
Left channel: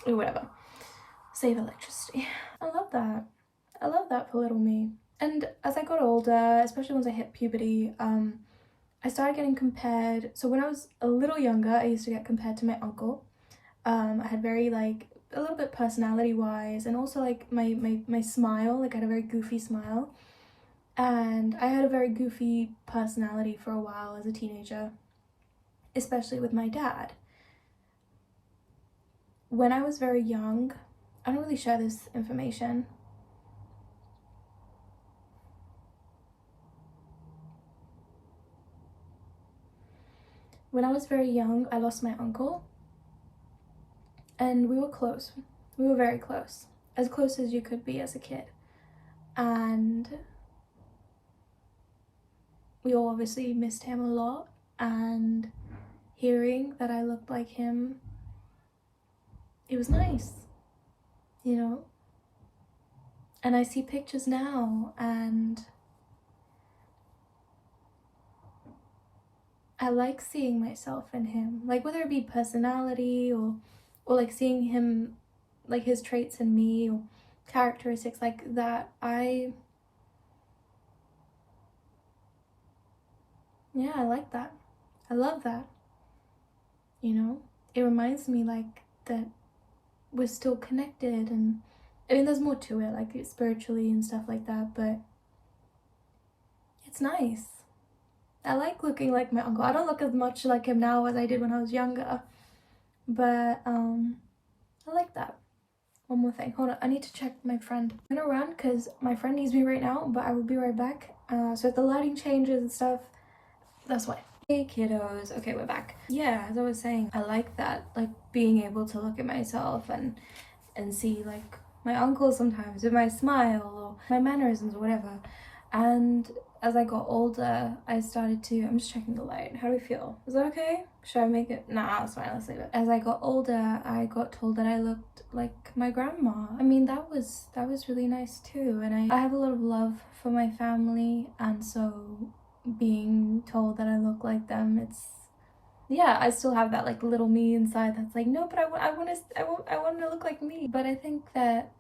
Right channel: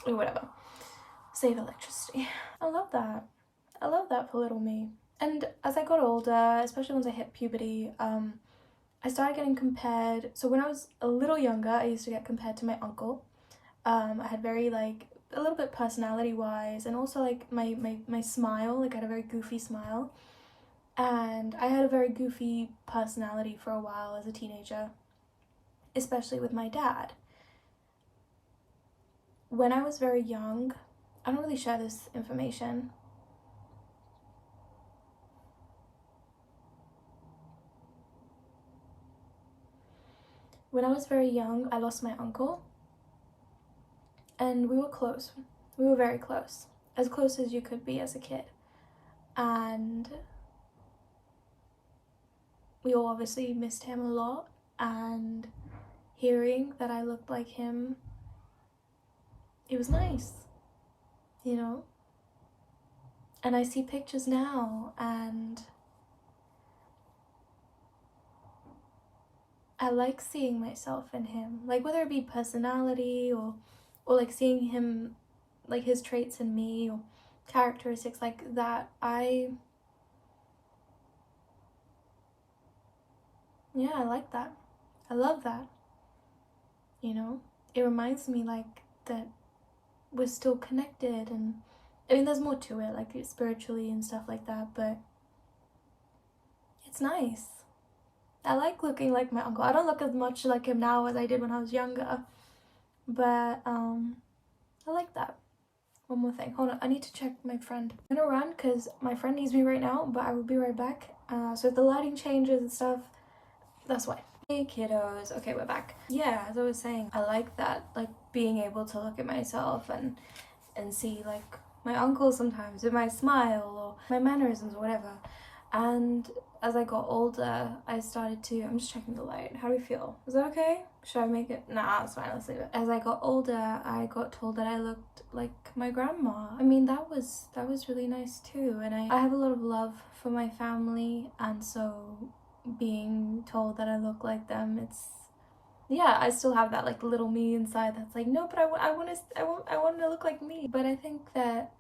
Or whatever. Save electricity. I love that. I love that for little me. And as I got older, especially once I hit puberty, I started getting compared. So when I was a little younger, I used to get compared to my uncle. I had very like a little bit personality wise, and also like my smile, like I had a very goofy smile, and I had a very goofy personality for a while as a teenager, especially with my dad. When I was very young, I don't really share this information. When I was very young, I lost my uncle. And we were close. We were very close. As close as you could be as a kid. And we all obviously missed him a lot. And hearing that I looked like him, it was nice, And I see pictures now and I like seeing myself in him. Like whether it be personality or like seeing him, like his traits in me or characteristics like that. I like that. I love that. It reminds me like that we're still connected, and I mean there's more to it, like spiritually and stuff like that, but it's nice. I like looking like my uncle. I don't look as much like him now as I did when I was younger, but I like that. One more thing, hold on, I need to check my friend. I'm gonna run because my friend needs me right now, but I will be right back. So if the lighting changes and stuff, that's why. Hey kiddos, okay, we're back. Yeah, as I was saying, I like that, like being able to look at myself and see like my uncle sometimes with my smile or my mannerisms or whatever. And as I got older, I started to, I'm just checking the light. How do we feel? Is that okay? Should I make it? Nah, it's fine, let's leave it. As I got older, I got told that I looked like my grandma. I mean, that was really nice too. And I have a lot of love for my family, and so being told that I look like them, it's, yeah, I still have that like little me inside that's like, no, but I want to look like me. But I think that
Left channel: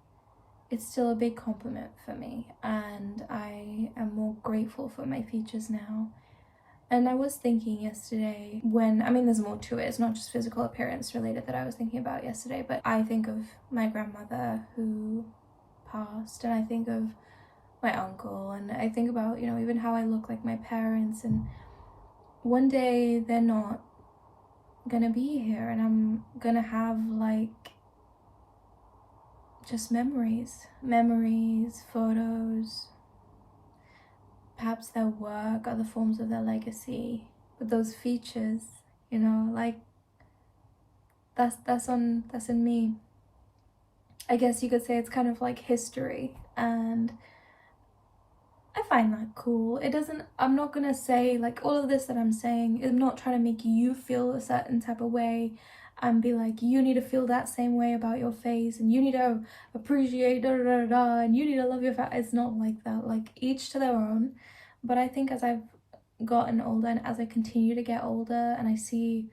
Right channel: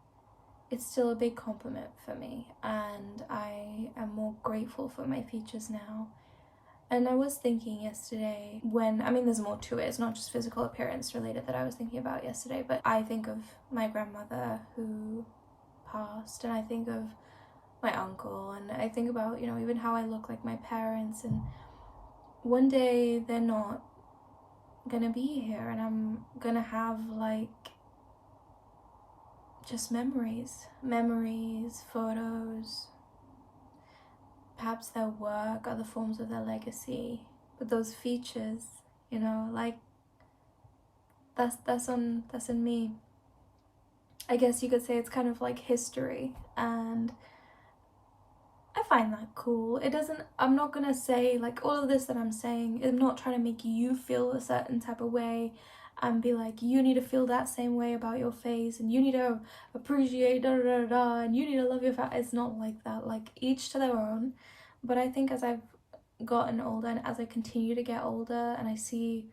it's still a big compliment for me, and I am more grateful for my features now. And I was thinking yesterday there's more to it, it's not just physical appearance related that I was thinking about yesterday, but I think of my grandmother who passed, and I think of my uncle, and I think about, even how I look like my parents, and one day they're not gonna be here, and I'm gonna have like just memories, photos, perhaps their work, other forms of their legacy. But those features, you know, like that's in me. I guess you could say it's kind of like history, and I find that cool. It doesn't, I'm not gonna say like all of this that I'm saying, I'm not trying to make you feel a certain type of way and be like, you need to feel that same way about your face, and you need to appreciate da da da da, and you need to love your face. It's not like that, like each to their own. But I think as I've gotten older, and as I continue to get older, and I see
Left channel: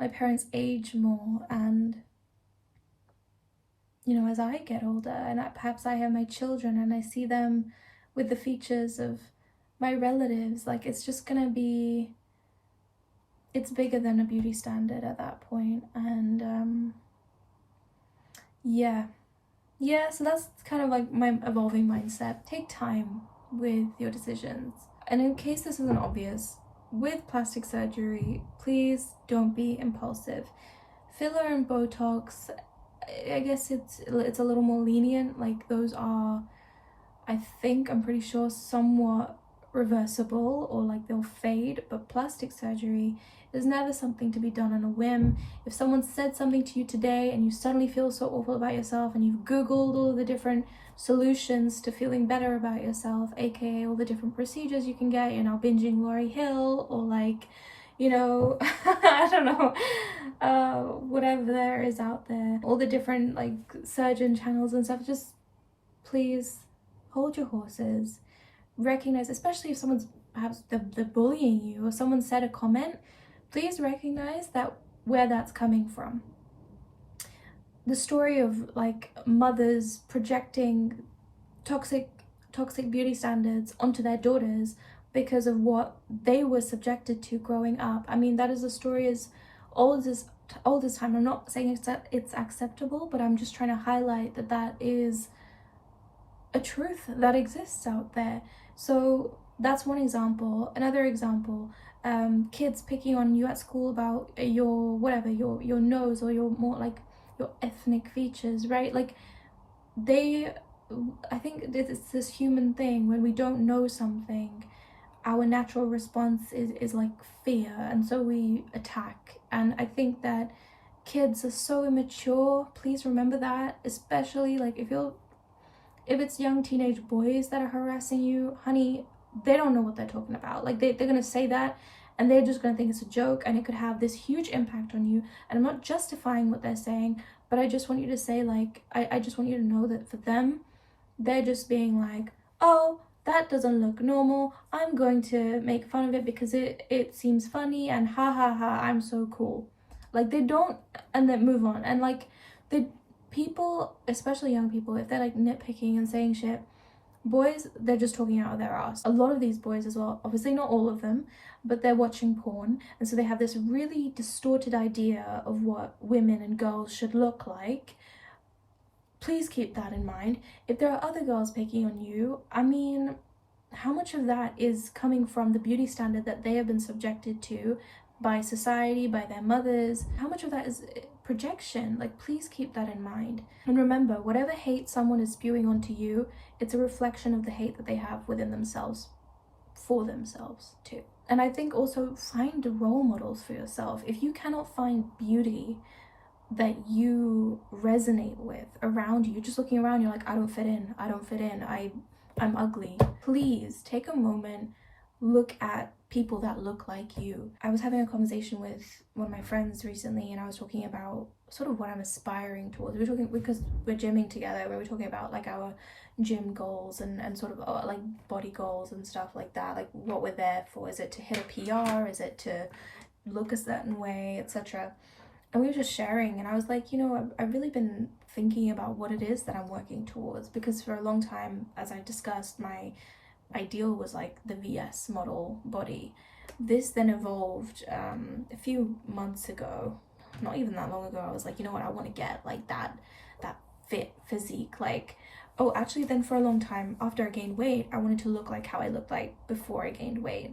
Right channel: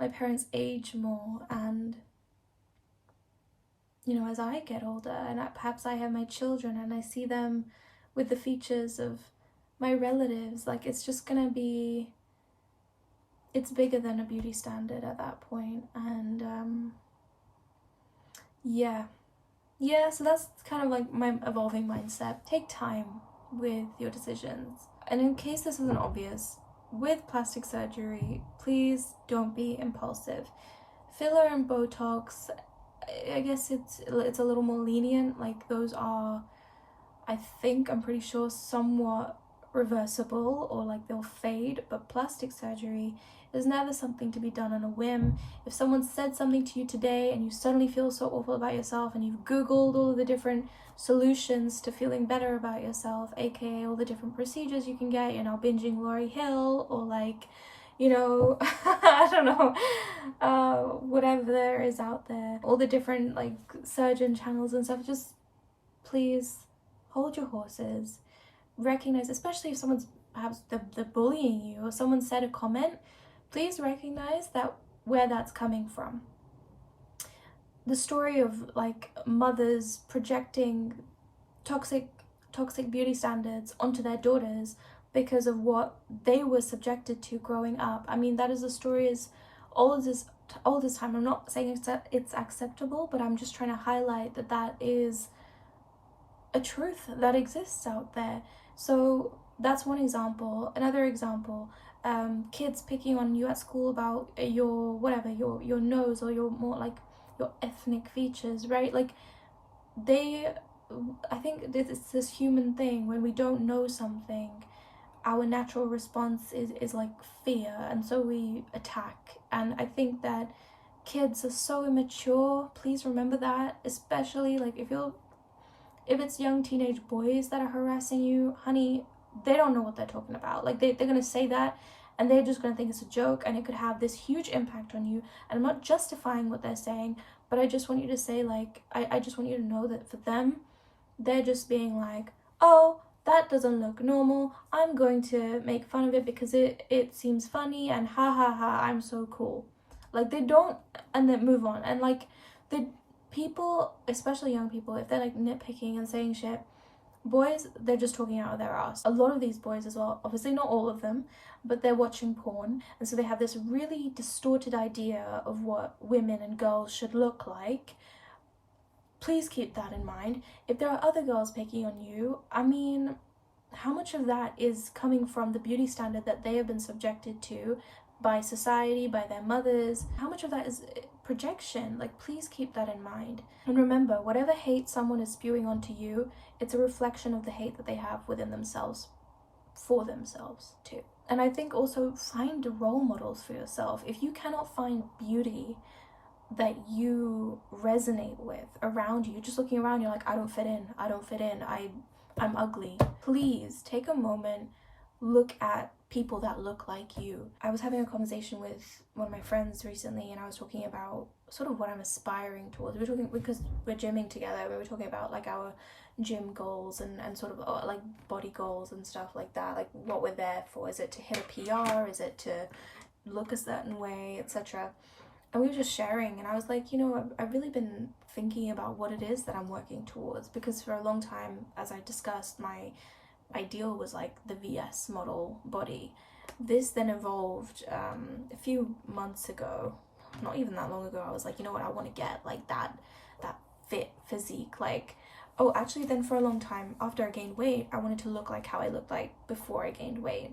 my parents age more, and you know, as I get older, and perhaps I have my children and I see them with the features of my relatives, like it's just gonna be, it's bigger than a beauty standard at that point. And yeah, so that's kind of like my evolving mindset. Take time with your decisions. And in case this isn't obvious, with plastic surgery, please don't be impulsive. Filler and Botox, I guess it's a little more lenient. Like those are, I think, I'm pretty sure, somewhat reversible, or like they'll fade. But plastic surgery is never something to be done on a whim. If someone said something to you today and you suddenly feel so awful about yourself, and you've googled all of the different solutions to feeling better about yourself, aka all the different procedures you can get, you know, binging Laurie Hill, or like, you know, I don't know, whatever there is out there, all the different like surgeon channels and stuff, just please hold your horses. Recognize, especially if someone's perhaps they're bullying you, or someone said a comment, please recognize that where that's coming from. The story of like mothers projecting toxic beauty standards onto their daughters because of what they were subjected to growing up. I mean, that is a story as old as time. I'm not saying it's acceptable, but I'm just trying to highlight that that is a truth that exists out there. So that's one example. Another example, kids picking on you at school about your whatever, your nose, or your more like your ethnic features, right? Like I think it's this human thing. When we don't know something, our natural response is like fear, and so we attack. And I think that kids are so immature. Please remember that, especially like if it's young teenage boys that are harassing you, honey, they don't know what they're talking about. Like they're gonna say that, and they're just gonna think it's a joke, and it could have this huge impact on you. And I'm not justifying what they're saying, but I just want you to say, like, I just want you to know that for them, they're just being like, oh, that doesn't look normal, I'm going to make fun of it because it seems funny, and ha ha ha, I'm so cool. Like they don't, and then move on. And like the people, especially young people, if they're like nitpicking and saying shit, boys, they're just talking out of their ass. A lot of these boys as well, obviously not all of them, but they're watching porn, and so they have this really distorted idea of what women and girls should look like. Please keep that in mind. If there are other girls picking on you, I mean, how much of that is coming from the beauty standard that they have been subjected to by society, by their mothers? How much of that is projection? Like, please keep that in mind. And remember, whatever hate someone is spewing onto you, it's a reflection of the hate that they have within themselves, for themselves too. And I think also find role models for yourself. If you cannot find beauty that you resonate with around you, you're just looking around, you're like, I don't fit in, I'm ugly. Please take a moment, look at people that look like you. I was having a conversation with one of my friends recently, and I was talking about sort of what I'm aspiring towards. We're talking, because we're gymming together, we were talking about like our gym goals and sort of like body goals and stuff like that, like what we're there for. Is it to hit a PR? Is it to look a certain way, etc.? And we were just sharing, and I was like, you know, I've really been thinking about what it is that I'm working towards, because for a long time, as I discussed, my ideal was like the VS model body. This then evolved a few months ago, not even that long ago. I was like, you know what, I want to get like that fit physique. Like, oh, actually then for a long time, after I gained weight, I wanted to look like how I looked like before I gained weight.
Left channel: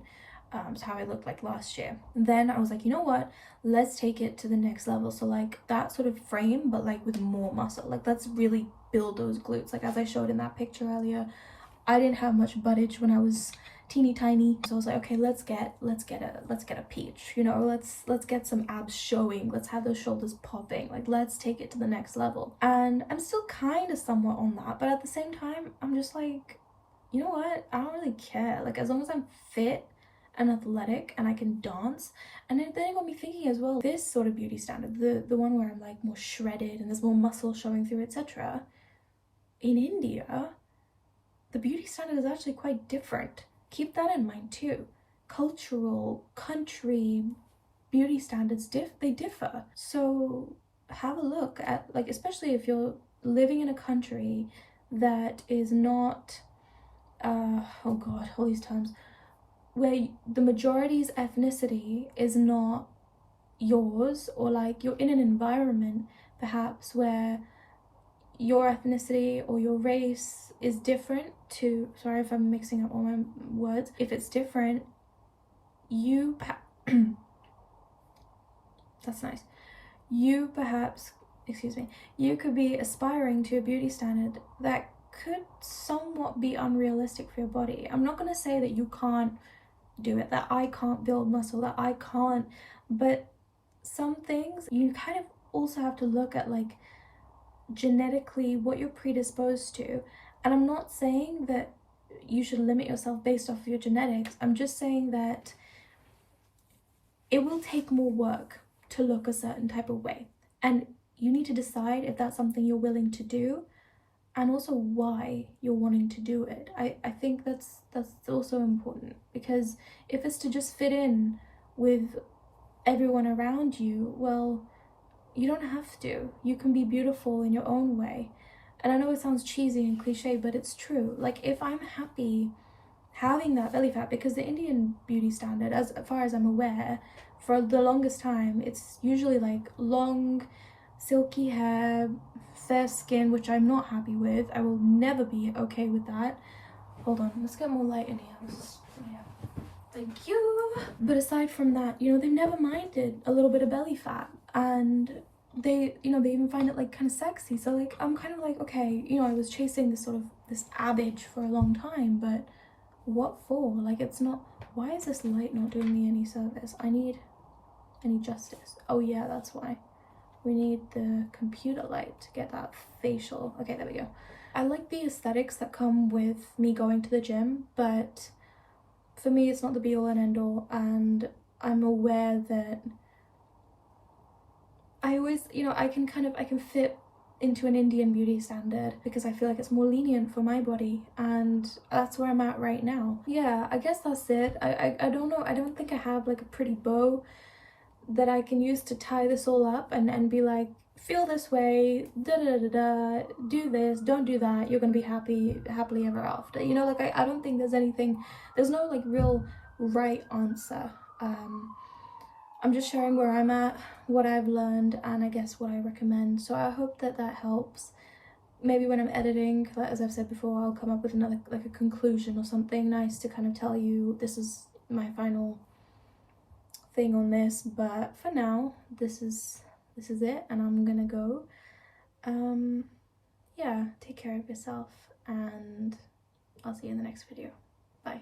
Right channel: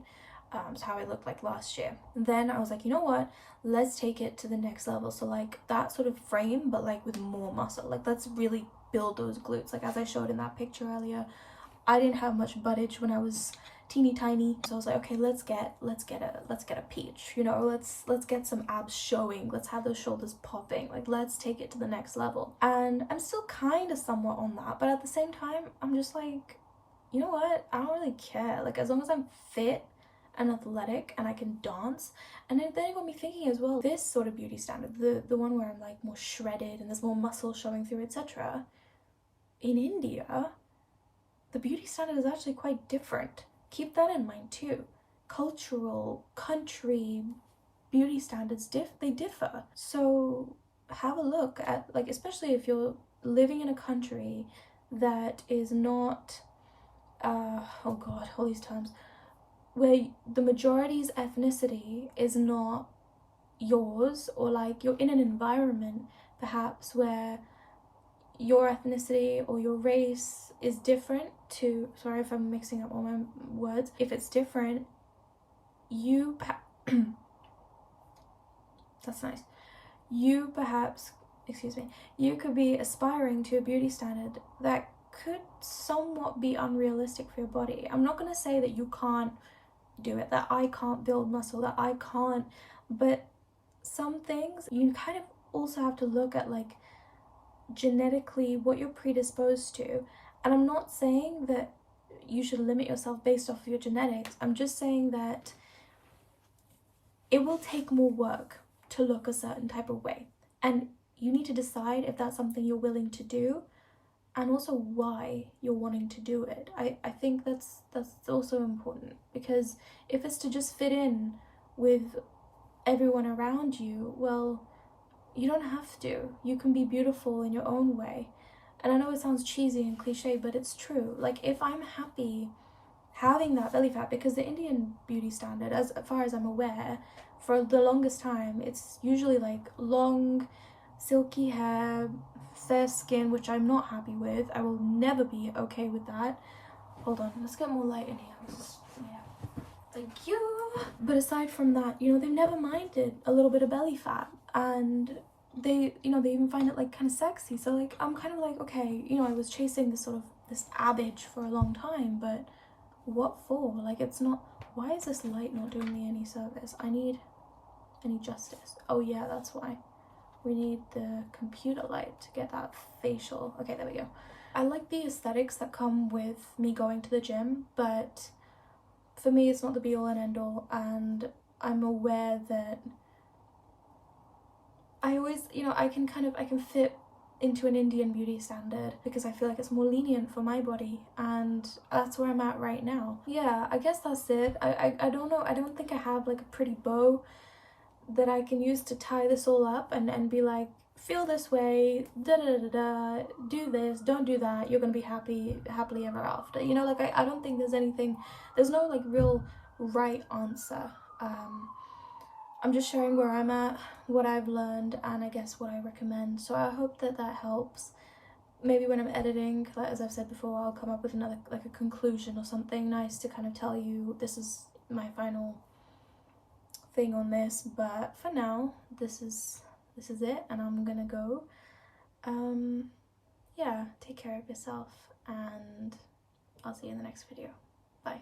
It's how I looked like last year. Then I was like, you know what, let's take it to the next level. So like that sort of frame, but like with more muscle. Like let's really build those glutes. Like as I showed in that picture earlier, I didn't have much buttage when I was teeny tiny, so I was like, okay, let's get a peach, you know, let's get some abs showing, let's have those shoulders popping, like let's take it to the next level. And I'm still kind of somewhat on that, but at the same time I'm just like, you know what, I don't really care. Like as long as I'm fit and athletic and I can dance. And then it got me thinking as well, this sort of beauty standard, the one where I'm like more shredded and there's more muscle showing through, etc., in India the beauty standard is actually quite different. Keep that in mind too. Cultural, country beauty standards they differ. So have a look at, like, especially if you're living in a country that is not oh god, all these terms, where the majority's ethnicity is not yours, or like you're in an environment perhaps where your ethnicity or your race is different to, sorry if I'm mixing up all my words, if it's different, you that's nice, you perhaps, excuse me, you could be aspiring to a beauty standard that could somewhat be unrealistic for your body. I'm not going to say that you can't do it, that I can't build muscle, that I can't, but some things you kind of also have to look at, like genetically what you're predisposed to. And I'm not saying that you should limit yourself based off of your genetics. I'm just saying that it will take more work to look a certain type of way, and you need to decide if that's something you're willing to do, and also why you're wanting to do it. I think that's also important, because if it's to just fit in with everyone around you, well, you don't have to. You can be beautiful in your own way. And I know it sounds cheesy and cliche, but it's true. Like if I'm happy having that belly fat, because the Indian beauty standard, as far as I'm aware, for the longest time, it's usually like long, silky hair, fair skin, which I'm not happy with. I will never be okay with that. Hold on, let's get more light in here. Yeah. Thank you. But aside from that, you know, they've never minded a little bit of belly fat, and they, you know, they even find it like kind of sexy. So like I'm kind of like, okay, you know, I was chasing this sort of this abage for a long time, but what for? Like it's not, why is this light not doing me any service? I need justice. Oh yeah, that's why. We need the computer light to get that facial. Okay, there we go. I like the aesthetics that come with me going to the gym, but for me it's not the be all and end all, and I'm aware that I always, you know, I can fit into an Indian beauty standard because I feel like it's more lenient for my body, and that's where I'm at right now. Yeah, I guess that's it. I don't know, I don't think I have like a pretty bow that I can use to tie this all up and be like, feel this way, da da da da, do this, don't do that, you're gonna be happily ever after. You know, like I don't think there's no like real right answer. I'm just sharing where I'm at, what I've learned, and I guess what I recommend. So I hope that helps. Maybe when I'm editing, like as I've said before, I'll come up with another, like a conclusion or something nice to kind of tell you this is my final thing on this. But for now, this is it, and I'm gonna go. Yeah, take care of yourself, and I'll see you in the next video. Bye.